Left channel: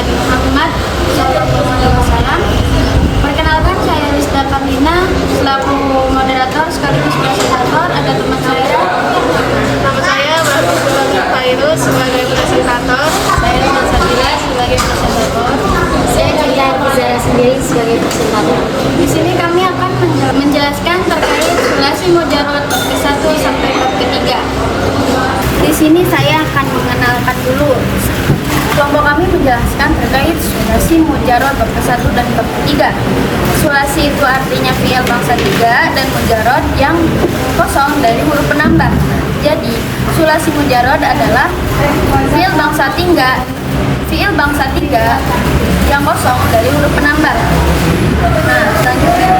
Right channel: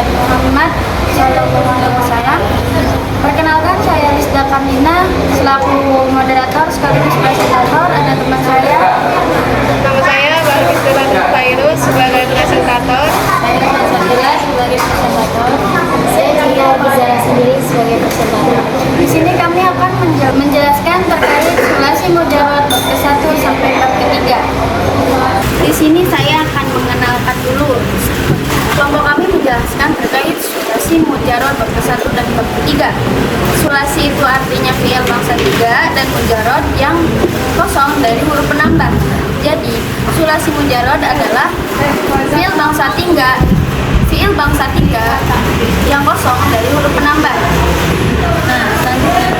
Nabi Muhammad SAW. Perkenalkan, saya Rizda Kamina selaku moderator sekaligus presentator. Ada teman saya. Nama saya Bagus Fairuz sebagai presentator. Saya Sabila sebagai presentator. Saya Cia Bizara sendiri sebagai presentator. Di sini kami akan menjelaskan terkait sulasi mujarot bab ke-1 sampai bab ke-3. Di sini saya akan mengenalkan dulu. Kelompok kami menjelaskan terkait sulasi mujarot bab ke-1 dan bab ke-3. Sulasi itu artinya fi'il bangsa 3 dan mujarot yang kosong dari huruf penambah. Jadi, sulasi mujarot adalah fi'il bangsa 3 yang kosong dari huruf penambah. Nah, selanjutnya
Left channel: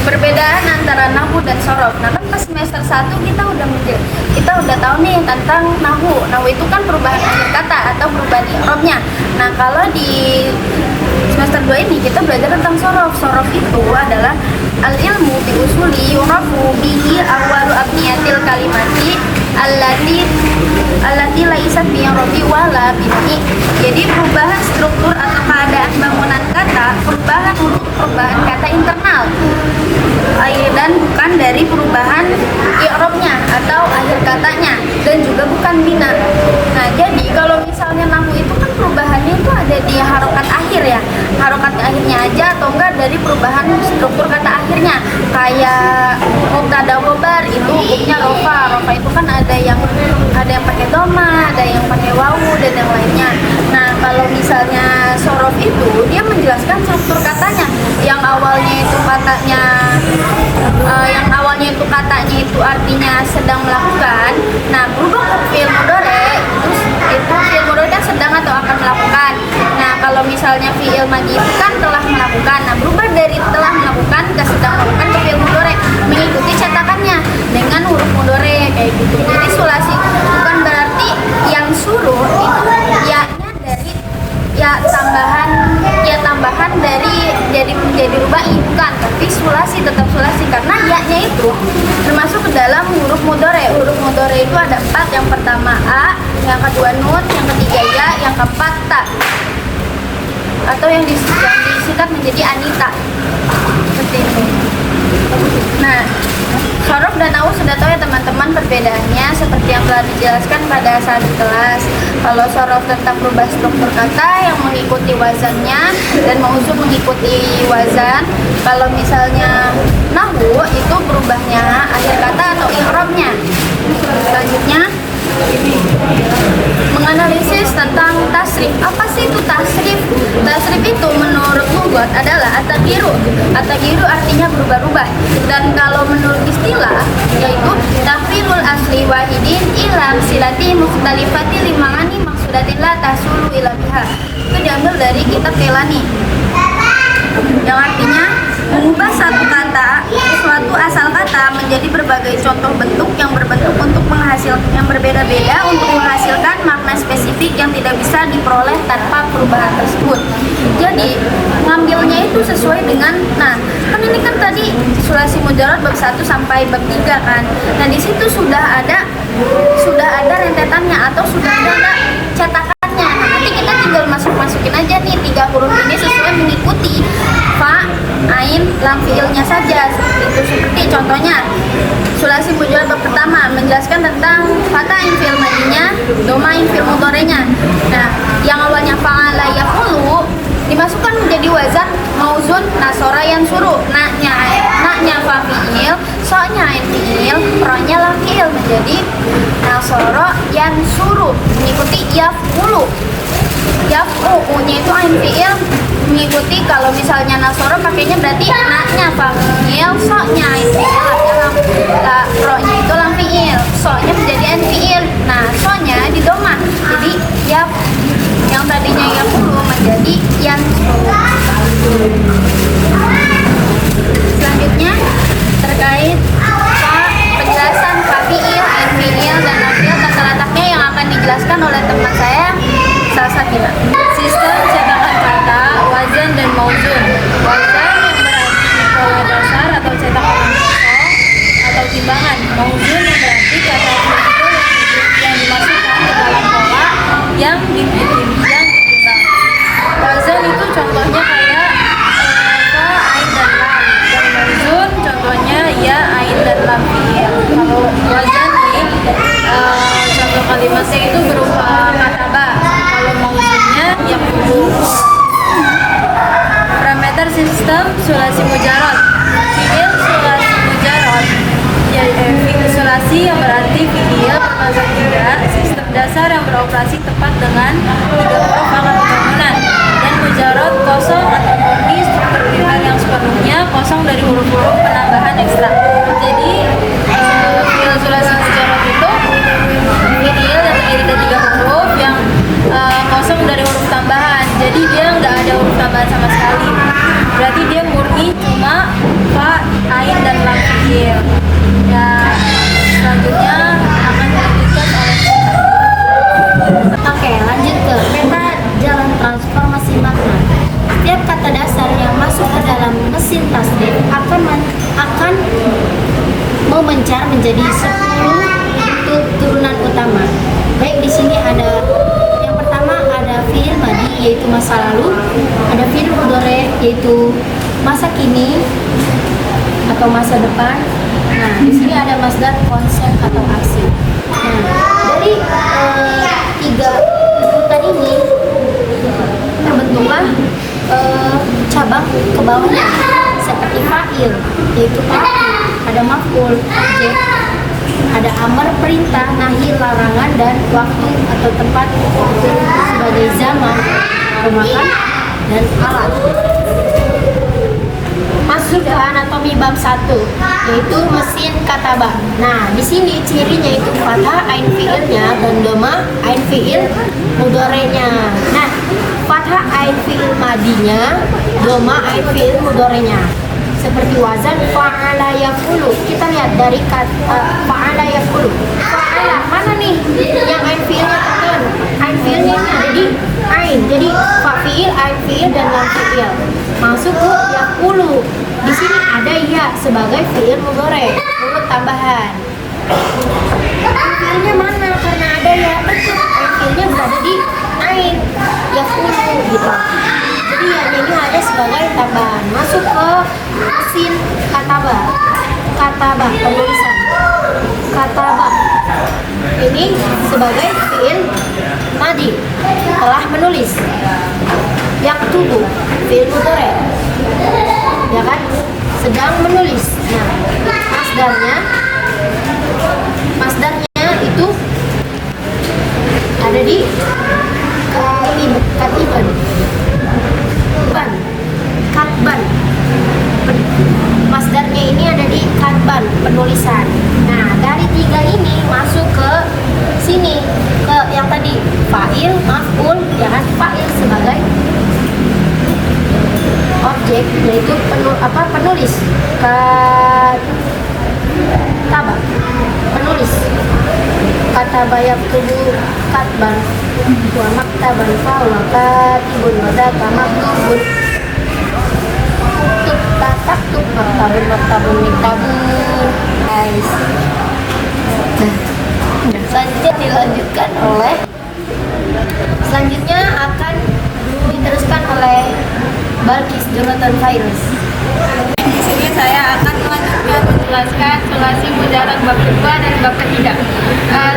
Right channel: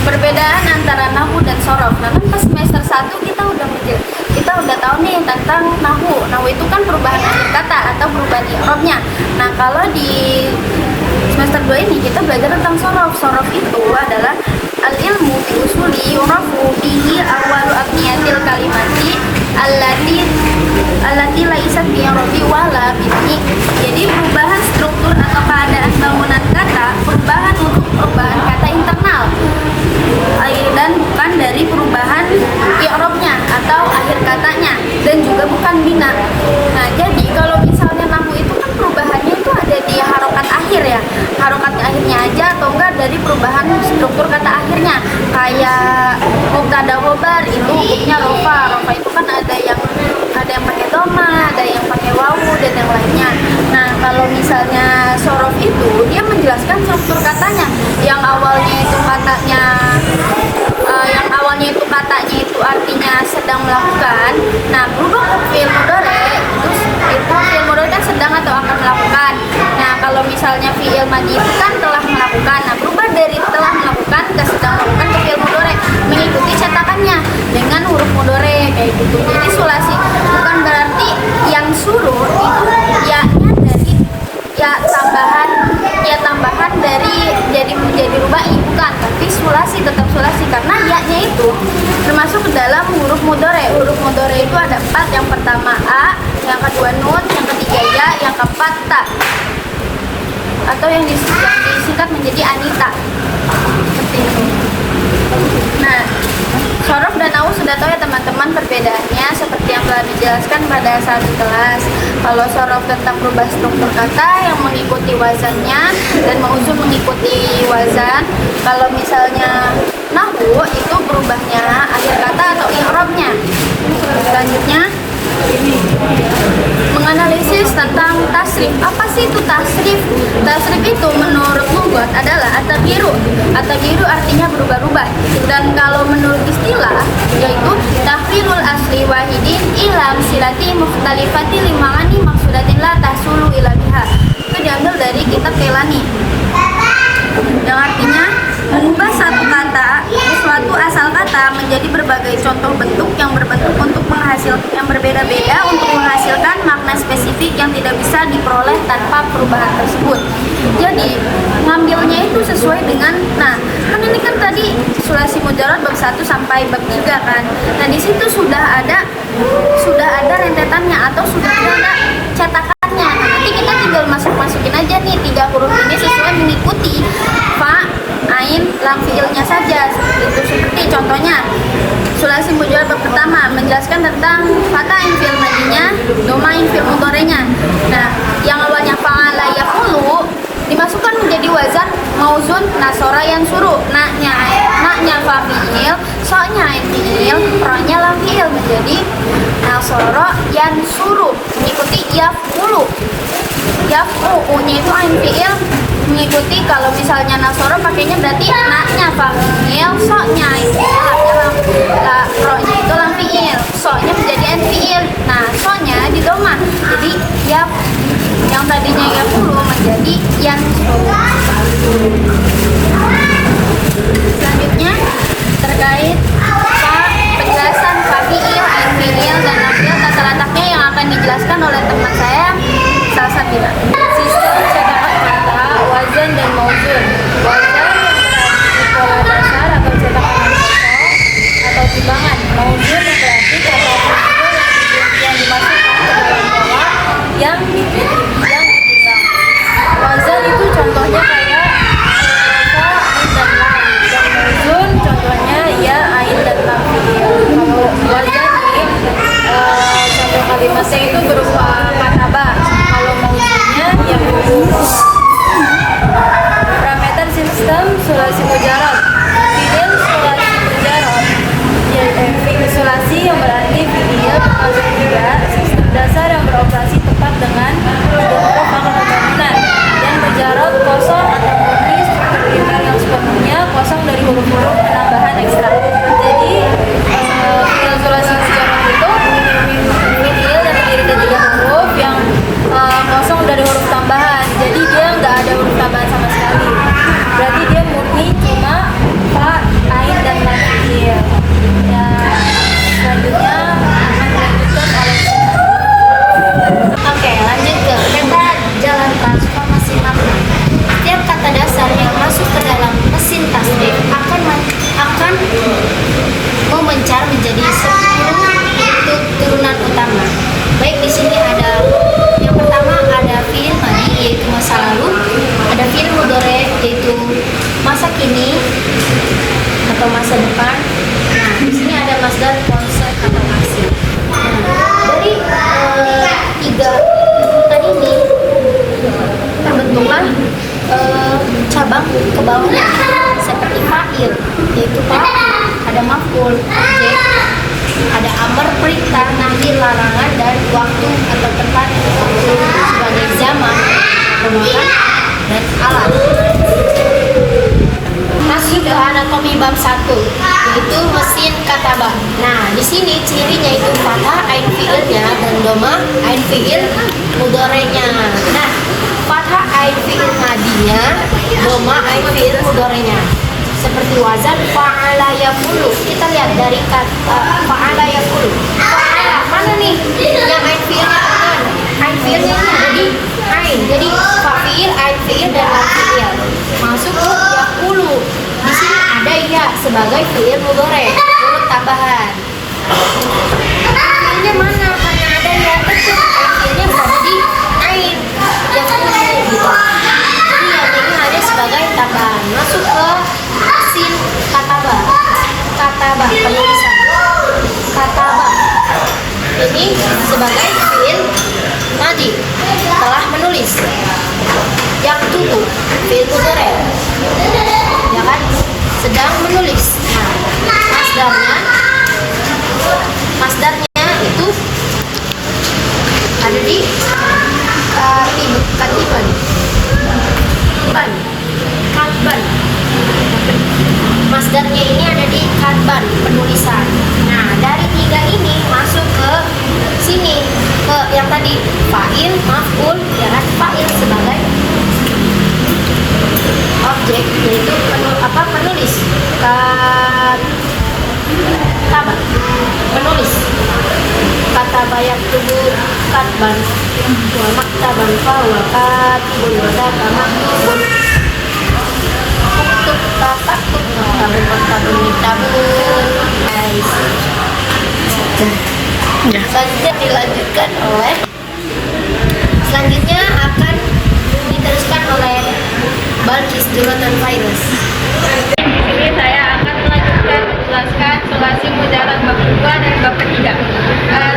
perbedaan antara nahwu dan sorof. Nah, kan pas semester 1 kita udah tahu nih tentang nahwu. Nahwu itu kan perubahan akhir kata atau perubahan i'rabnya. Nah, kalau di semester 2 ini kita belajar tentang sorof. Sorof itu adalah al-ilmu bi usuli yurafu bihi awwalu abniyatil kalimati allati laisat bi i'rabi wala bihi. Jadi perubahan struktur atau keadaan bangunan kata, perubahan kata internal dan bukan dari perubahan i'rabnya atau akhir katanya, dan juga bukan bina. Nah, jadi kalau misalnya nahwu itu kan perubahannya itu ada di harokat akhir ya, harokat akhirnya aja, atau enggak dari perubahan struktur kata akhirnya. Kayak mubtada khobar itu hukumnya rofa itu kan ada yang pakai doma, ada yang pakai wawu, dan yang lainnya. Nah, kalau misalnya sorof itu dia menjelaskan struktur katanya, yang awalnya itu katanya artinya sedang melakukan. Nah, berubah ke fi'il mudhari itu fi'il mudhari kan sedang atau akan melakukan. Nah, kalau misalnya fi'il madhi itu kan telah melakukan. Nah, berubah dari telah melakukan ke sedang melakukan ke fi'il mudhari mengikuti cetakannya dengan huruf mudhari kayak gitu. Jadi sulasi bukan berarti yang suruh itu ya-nya dari tambahan dari jadi rubai, bukan, tapi sulasi, tetap sulasi karena ya-nya itu termasuk ke dalam huruf mudhari. Huruf mudhari itu ada 4, yang pertama a, yang kedua nun, yang ketiga ya, yang keempat ta, atau yang disingkat menjadi anita, seperti itu. Nah, sorof dan nahwu sudah tahu ya teman-teman perbedaannya seperti yang telah dijelaskan pada saat di kelas. Kalau sorof tentang berubah struktur kata yang mengikuti wazannya dan mauzun mengikuti wazan. Kalau misalnya nahwu itu berubahnya akhir kata atau i'rabnya. Selanjutnya menganalisis tentang tasrif. Apa sih itu tasrif? Tasrif itu menurut lugat adalah at-taghyiru. At-taghyiru artinya berubah-ubah. Dan kalau menurut istilah yaitu tahwilul asli wahidin ila silati mukhtalifati lima'ani maksudatin la tahsulu ila biha. Itu diambil dari kitab Kelani, yang artinya mengubah satu kata, suatu asal kata menjadi berbagai contoh bentuk yang berbentuk untuk yang berbeda-beda untuk menghasilkan makna spesifik yang tidak bisa diperoleh tanpa perubahan tersebut. Jadi ngambilnya itu sesuai dengan, nah kan ini kan tadi sulasi mujarot bab 1 sampai bab 3 kan. Nah, di situ sudah ada rentetannya atau sudah ada cetakannya. Nah, nanti kita tinggal masukin aja nih 3 huruf ini sesuai mengikuti fa, ain, lam fiilnya saja. Seperti contohnya sulasi mujarot bab pertama menjelaskan tentang fatahin fiil madinya, domain fiil mudhari'nya. Nah, yang awalnya fa'ala yaqulu dimasukkan menjadi wazan mauzun nasora yang suruh. Naknya fa fiil, so-nya ain fiil, ro-nya lam fiil menjadi nasoro yang suruh mengikuti yaf'ulu. Yaf'u-nya itu ain fiil mengikuti, kalau misalnya nasoro pakainya berarti naknya fa fiil, so-nya ain fiil, ro-nya itu lam fiil, so-nya menjadi ain fiil. Nah, so-nya di doma. Jadi yang tadinya yaf'ulu menjadi yansuru. Selanjutnya terkait penjelasan fa fiil, ain fiil, dan lam fiil, tata letaknya yang akan dijelaskan oleh teman saya Salsabila. Sistem cetakan kata, wazan dan mauzun. Wazan yang berarti pola dasar atau cetakan yang kosong atau timbangan. Mauzun yang berarti kata kunci yang dimasukkan ke dalam pola yang ditimbang. contohnya kayak fa, ain dan lam. Dan mauzun contohnya ya, ain dan lam fi'il. Kalau wazan nih contoh kalimatnya itu berupa kataba. Kalau mauzunnya ya huruf. Parameter sistem sulasi mujarad. Fi'il sulasi mujarad fi'il sulasi yang berarti fi'il bermazhab 3, sistem dasar yang beroperasi tepat dengan 3 huruf akad pembangunan, dan mujarad kosong atau murni struktur primer yang sepenuhnya kosong dari huruf-huruf penambahan ekstra. Jadi fi'il sulasi mujarad itu fi'il yang terdiri dari 3 huruf yang kosong dari huruf tambahan. Jadi dia nggak ada huruf tambahan sama sekali. Berarti dia murni cuma fa, ain dan lam fi'il. Ya, selanjutnya akan dilanjutkan oleh Oke, lanjut ke peta jalan transformasi makna. Setiap kata dasar yang masuk ke dalam mesin tasrif akan memencar menjadi 10 turunan utama. Baik, di sini ada yang pertama ada fi'il madi yaitu masa lalu, ada fi'il mudhari yaitu masa kini atau masa depan. Nah, di sini ada masdar konsep atau aksi. Nah, dari 3 urutan ini terbentuklah cabang ke bawahnya seperti fa'il yaitu pelaku, ada maf'ul objek, ada amar perintah, nahi larangan, dan waktu atau tempat sebagai zaman, gunakan, dan alat. Masuk ke anatomi bab 1 yaitu mesin katabah. Nah, di sini cirinya itu fathah ain fiilnya dan doma ain fiil mudhari'nya. Nah, fathah ain fiil madinya, doma ain fiil mudhari'nya. Seperti wazan fa'ala yafulu. Kita lihat dari kata fa'ala yafulu. Fa'ala mana nih? Yang ain fiilnya kan? Ain fiilnya ini jadi ain. Jadi fa'il, ain fiil, dan lam fiil. Masuk ke yafulu. Di sini ada ya sebagai fiil mudhari, huruf tambahan. Ain fiilnya mana? Karena ada ya, betul. Ain fiilnya berada di ain yafulu gitu. Jadi yang ini ada sebagai tambahan. Masuk ke mesin katabah. Katabah penulisan. Katabah ini sebagai fiil tadi telah menulis. Yaktubu fiil mudhari, ya kan, sedang menulis. Nah, masdarnya itu ada di katiban. Katban. Masdarnya ini ada di katban, penulisan. Nah, dari 3 ini masuk ke sini, ke yang tadi fa'il, maf'ul, ya kan, fa'il sebagai objek yaitu penulis. Katabah penulis. Katabah yaktubu katban wa maktaban fa wa katibun wa daka maktubun. Maktabun guys. Selanjutnya dilanjutkan oleh akan diteruskan oleh Balkis Jonathan Virus. Di sini saya akan melanjutkan menjelaskan sulasi mujarad bab kedua dan bab ketiga.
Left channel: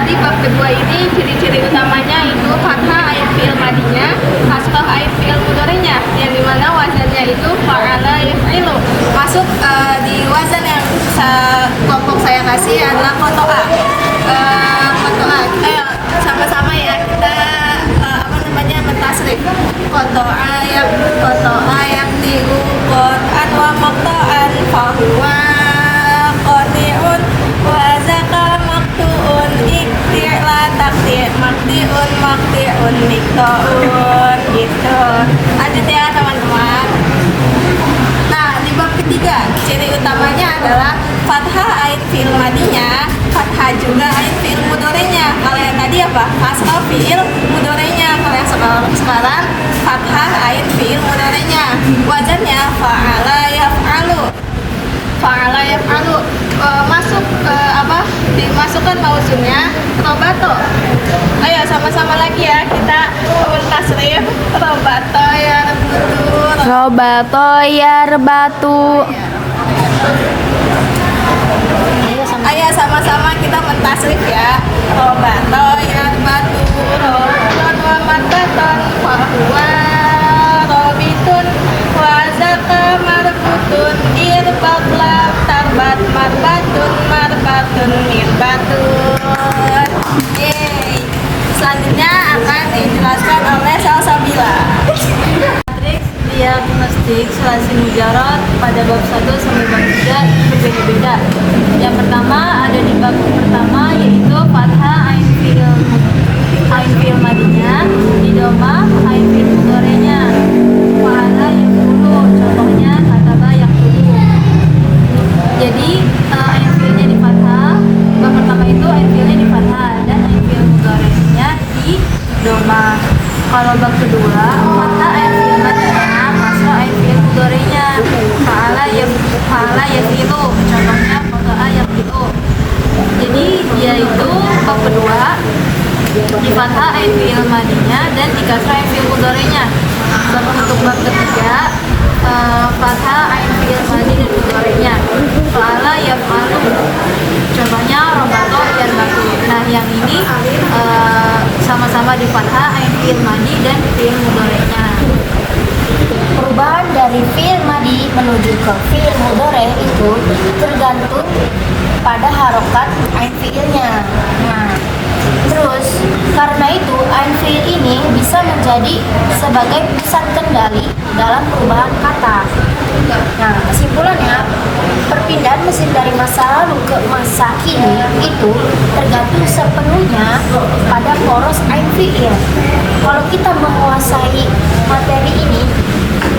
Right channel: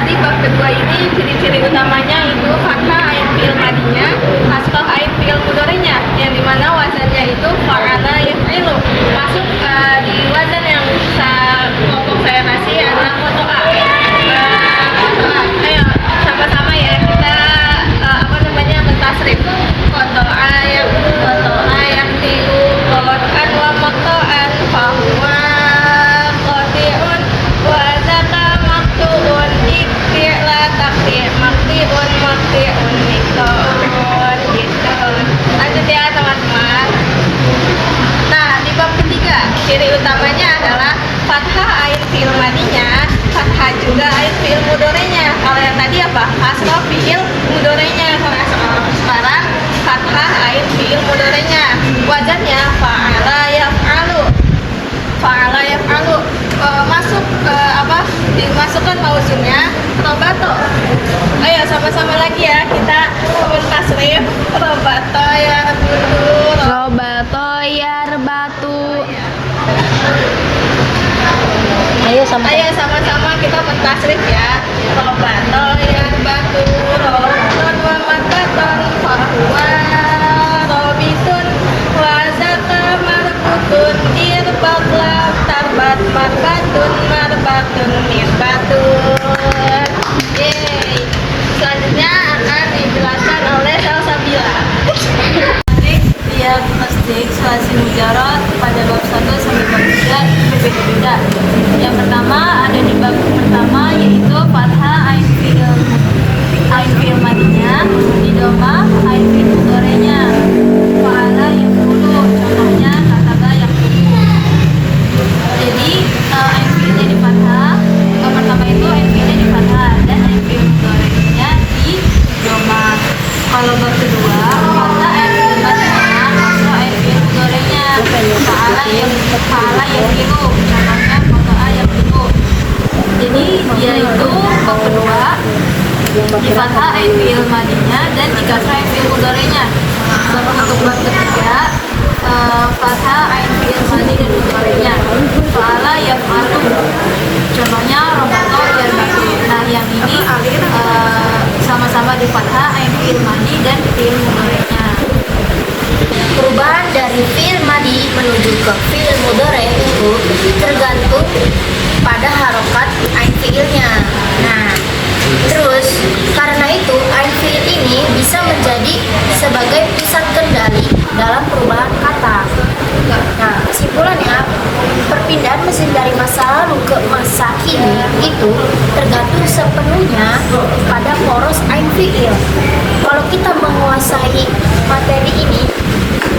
Di bab kedua ini ciri-ciri utamanya itu fathah ain fiil madinya, kasroh ain fiil mudhari'nya, yang dimana wazannya itu fa'ala yaf'ilu. Masuk di wazan yang kelompok saya kasih adalah kotoa. Ayo sama-sama ya kita mentasrif. Kotoa yang tinggu qot'an wa maqta'an fahuwa qati'un wa zaka maqtu'un itti'la taqti' maqti'un miqta'un gitu. Lanjut ya teman-teman. Nah, di bab ketiga ciri utamanya adalah fathah ain fiil madinya, fathah juga ain fiil mudhari'nya. Kalau yang tadi apa? Kasroh fiil mudhari'nya. Kalau yang sekarang fathah ain fiil mudhari'nya. Wazannya fa'ala yaf'alu. Fa'ala yaf'alu. Masuk dimasukkan mauzunnya robato. Ayo sama-sama lagi ya kita tasrif robato ya. Robato yarbatu. Ayo sama-sama kita mentasrif ya. Robato yarbatu, robaton wa mataton, wa robitun, wa zaka marbutun, irbaklah tarbat marbatun, marbatun mirbatun. Yeay. Selanjutnya akan dijelaskan oleh Salsabila. Diagnostik sulasi mujarot pada bab 1 sampai bab 3 berbeda. Yang pertama ada di bab pertama yaitu fathah ain fi'il madinya, di doma ain fi'il mudhari'nya. Fa'ala yakunu, contohnya kataba yakunu. Jadi ain fi'ilnya di fathah, bab pertama itu ain fi'ilnya di fathah dan ain fi'il mudhari'nya di doma. Kalau bab kedua fathah ain fi'il madinya, ain fi'il mudhari'nya. Fa'ala yakunu, contohnya fa'ala yakunu. Jadi dia itu bab kedua di fathah ain fi'il madinya dan di kasrah ain fi'il mudhari'nya. Baru untuk bab ketiga fathah ain fi'il madi dan mudhari'nya. Fa'ala yakunu, contohnya robato yarbatu. Nah yang ini sama-sama di fathah ain fi'il madi dan fi'il mudhari'nya. Perubahan dari fi'il madi menuju ke fi'il mudhari itu tergantung pada harokat ain fi'ilnya. Nah, terus karena itu ain fi'il ini bisa menjadi sebagai pusat kendali dalam perubahan kata. Nah, kesimpulannya perpindahan mesin dari masa lalu ke masa kini itu tergantung sepenuhnya pada poros ain fi'il. Kalau kita menguasai materi ini,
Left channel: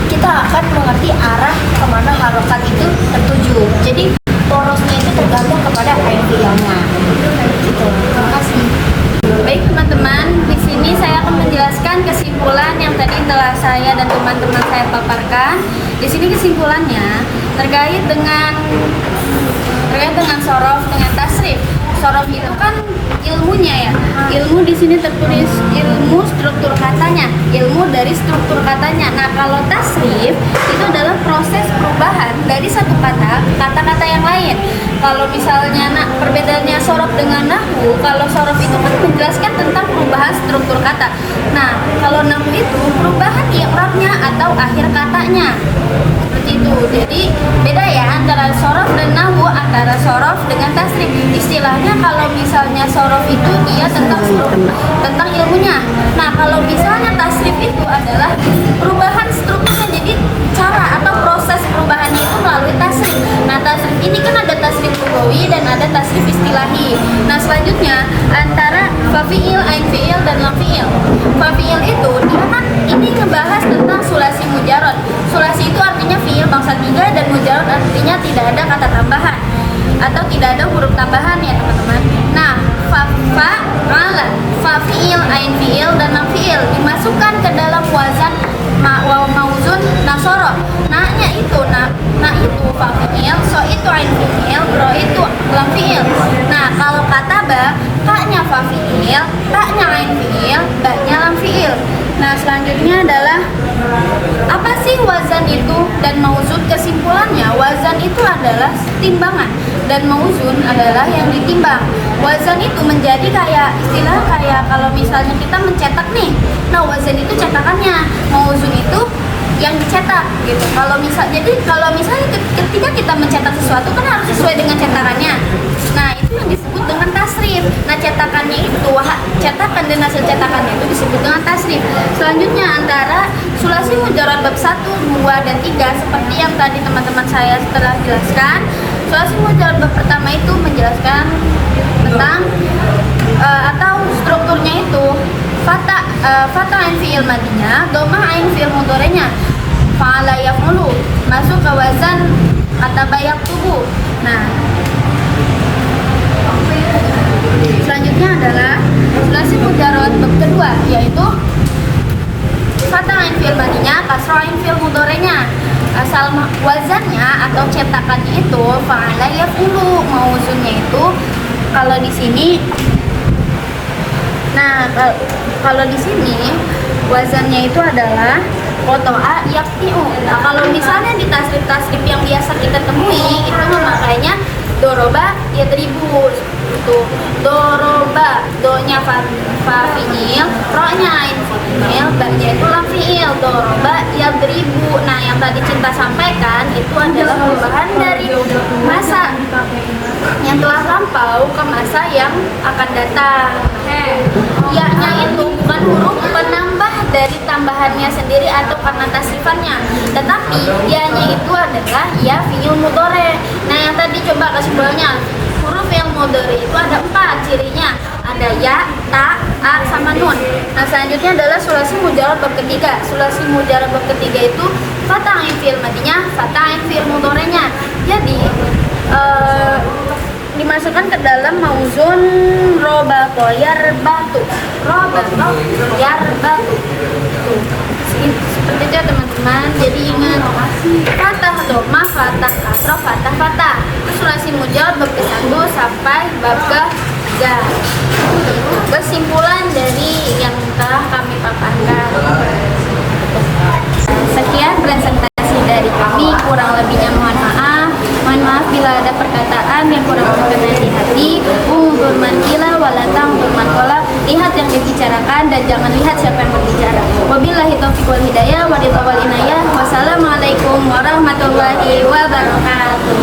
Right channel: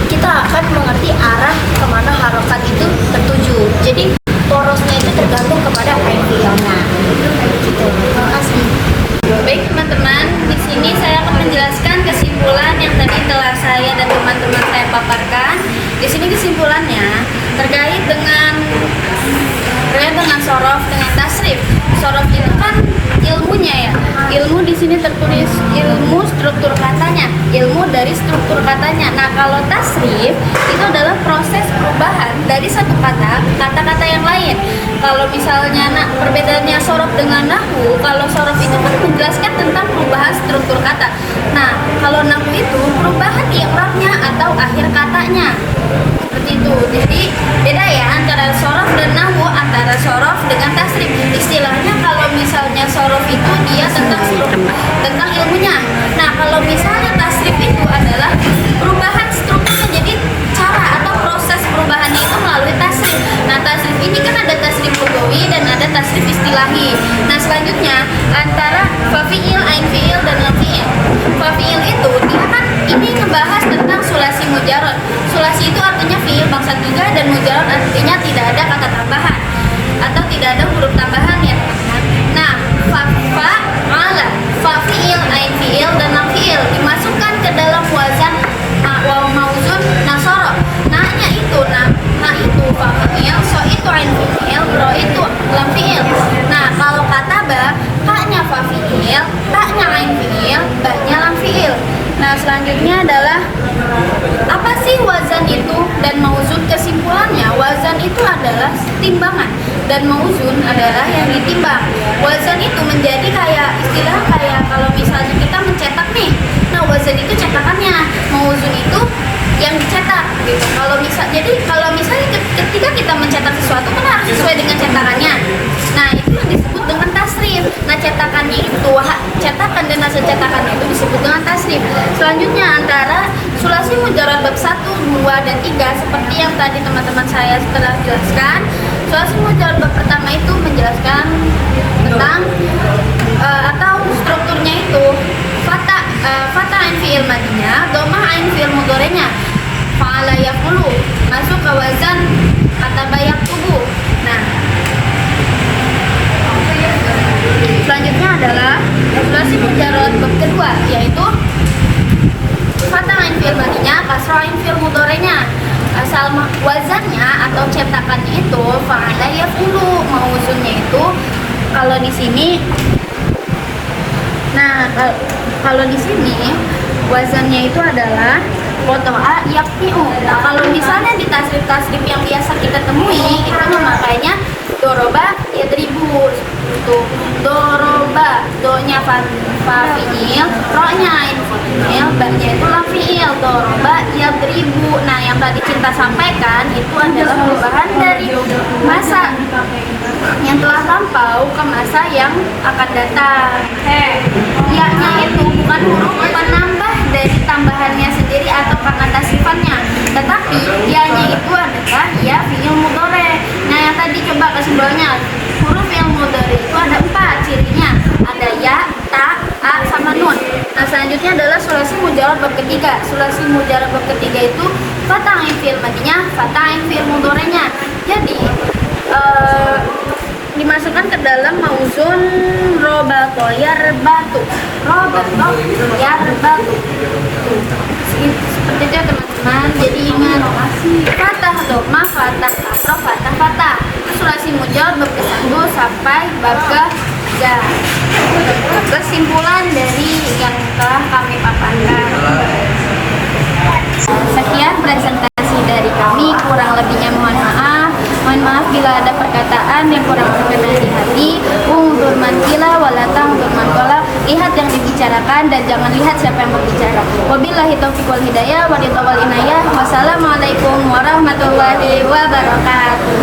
kita akan mengerti arah kemana harokat itu tertuju. Jadi porosnya itu tergantung kepada ain fi'ilnya. Gitu. Terima kasih. Baik teman-teman, di sini saya akan menjelaskan kesimpulan yang tadi telah saya dan teman-teman saya paparkan. Di sini kesimpulannya terkait dengan sorof dengan tasrif. Sorof itu kan ilmunya ya. Ilmu di sini tertulis ilmu struktur katanya, ilmu dari struktur katanya. Nah, kalau tasrif itu adalah proses perubahan dari satu kata ke kata-kata yang lain. Kalau misalnya perbedaannya sorof dengan nahwu, kalau sorof itu kan menjelaskan tentang perubahan struktur kata. Nah, kalau nahwu itu perubahan i'rabnya atau akhir katanya. Seperti itu. Jadi beda ya antara sorof dan nahwu, antara sorof dengan tasrif. Istilahnya kalau misalnya sorof itu dia tentang ilmunya. Nah, kalau misalnya tasrif itu adalah perubahan strukturnya. Jadi cara atau proses perubahannya itu melalui tasrif. Nah, tasrif ini kan ada tasrif lughawi dan ada tasrif istilahi. Nah, selanjutnya antara fafi'il, ain fi'il dan lam fi'il. Fafi'il itu dia kan ini ngebahas tentang sulasi mujarot. Sulasi itu artinya fi'il bangsa 3 dan mujarot artinya tidak ada kata tambahan atau tidak ada huruf tambahan ya teman-teman. Nah, fa'ala, fafi'il, ain fi'il dan lam fi'il dimasukkan ke dalam wazan mauzun nasoro. Nah-nya itu itu fafi'il, so itu ain fi'il, ro itu lam fi'il. Nah, kalau kataba, ka-nya fafi'il, ta-nya ain fi'il, ba-nya lam fi'il. Nah, selanjutnya adalah apa sih wazan itu dan mauzun? Kesimpulannya, wazan itu adalah timbangan dan mauzun adalah yang ditimbang. Wazan itu menjadi istilah kalau misalnya kita mencetak nih. Nah, wazan itu cetakannya, mauzun itu yang dicetak gitu. Kalau misalnya ketika kita mencetak sesuatu kan harus sesuai dengan cetakannya. Nah, itu yang disebut dengan tasrif. Nah, cetakannya itu, cetakan dan hasil cetakannya itu disebut dengan tasrif. Selanjutnya antara sulasi mujarad bab 1, 2, dan 3 seperti yang tadi teman-teman saya telah jelaskan. Sulasi mujarad bab pertama itu menjelaskan tentang atau strukturnya itu fatah ain fi'il madinya, domah ain fi'il mudhari'nya, fa'ala yaf'ulu, masuk ke wazan kataba yaktubu. Nah, selanjutnya adalah sulasi mujarad bab kedua, yaitu fatah ain fi'il madinya, kasrah ain fi'il mudhari'nya. Asal wazannya atau cetakannya itu fa'ala yaf'ulu, mauzunnya itu kalau di sini. Nah, kalau di sini wazannya itu adalah kotoa yakfi'u. Nah, kalau misalnya di tasrif yang biasa kita temui itu memakainya doroba yadribu. Itu doroba, do-nya fa fi'il, ro-nya ain fi'il, ba-nya itu lam fi'il. Doroba yadribu. Nah, yang tadi Cinta sampaikan itu adalah perubahan dari masa yang telah lampau ke masa yang akan datang. Ya-nya itu bukan huruf penambah dari tambahannya sendiri atau karena tasrifannya, tetapi ya-nya itu adalah ya fi'il mudhari. Nah, yang tadi coba kesimpulannya, huruf yang mudhari itu ada 4 cirinya, ada ya, ta, a, sama nun. Nah, selanjutnya adalah sulasi mujarab bab ketiga. Sulasi mujarab bab ketiga itu fathah ain fi'il madinya, fathah ain fi'il mudhari'nya. Jadi dimasukkan ke dalam mauzun robato yarbatu. Robato yarbatu. Seperti itu teman-teman. Jadi ingat fathah dhamma, fathah kasrah, fathah. Itu sulasi mujarab bab ke-1 sampai bab ke-3. Kesimpulan dari yang telah kami paparkan. Sekian presentasi dari kami, kurang lebihnya mohon maaf. Mohon maaf bila ada perkataan yang kurang berkenan di hati. Undur man qila walatang undur man qala. Lihat yang dibicarakan dan jangan lihat siapa yang berbicara. Wabillahi taufiq wal hidayah wa ridha wal inayah. Wassalamualaikum warahmatullahi wabarakatuh.